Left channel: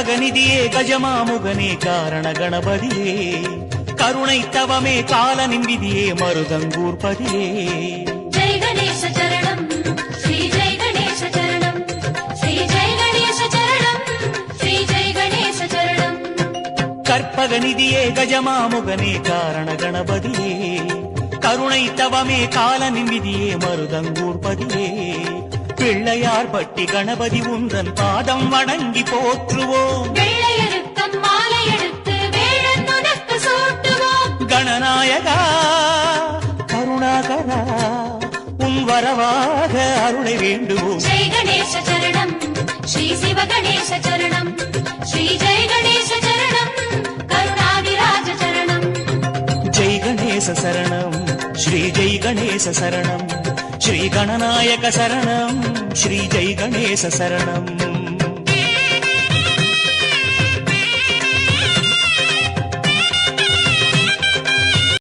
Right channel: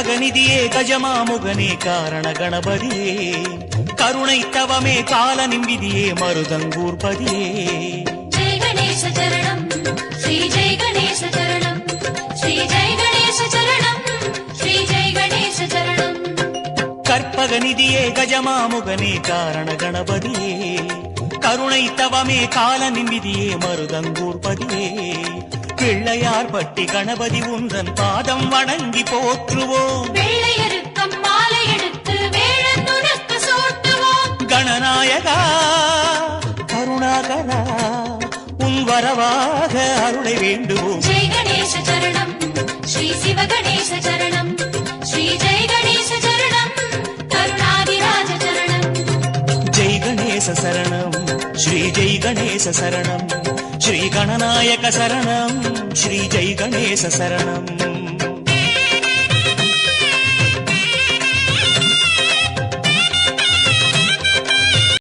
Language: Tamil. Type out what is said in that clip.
கற்பகநிதியே கஜமாமுகனே காரண கணபதியே கருணை தவமே கால நிம்பிதியே மருதங்கூர்பதியே ஜெய கணேச சரணம் ஸ்ரீ ஜெய கணேச சரணம் ஸ்ரீ ஜெய கணேச சரணம் ஸ்ரீ ஜெய கணேச சரணம் கற்பகநிதியே கஜமாமுகனே காரண கணபதியே கருணை தவமே கால நிம்பிதியே மருதங்கூர்பதியே பிள்ளையார் பட்டி கணபதி உந்தன் பாதம் வணங்கி போற்றுவோம் வெள்ளையருக்கம் மாலை எடுத்து வேழன் உனக்கு சூட்டுவோம் கணநாயகா கருணாகரா உன் வரவாக அருளை வேண்டுவோம் ஜெய கணேச சரணம் ஸ்ரீ சிவ கணேச சரணம் ஸ்ரீ ஜெய கணேச சரணம் கருணாதிராஜ சரணம் ஜெய் கணேச சரணம் ஸ்ரீ ஜெய் கணேச சரணம் ஸ்ரீ கணநாயக சரணம் ஸ்ரீ ஜெய் கணேச சரணம்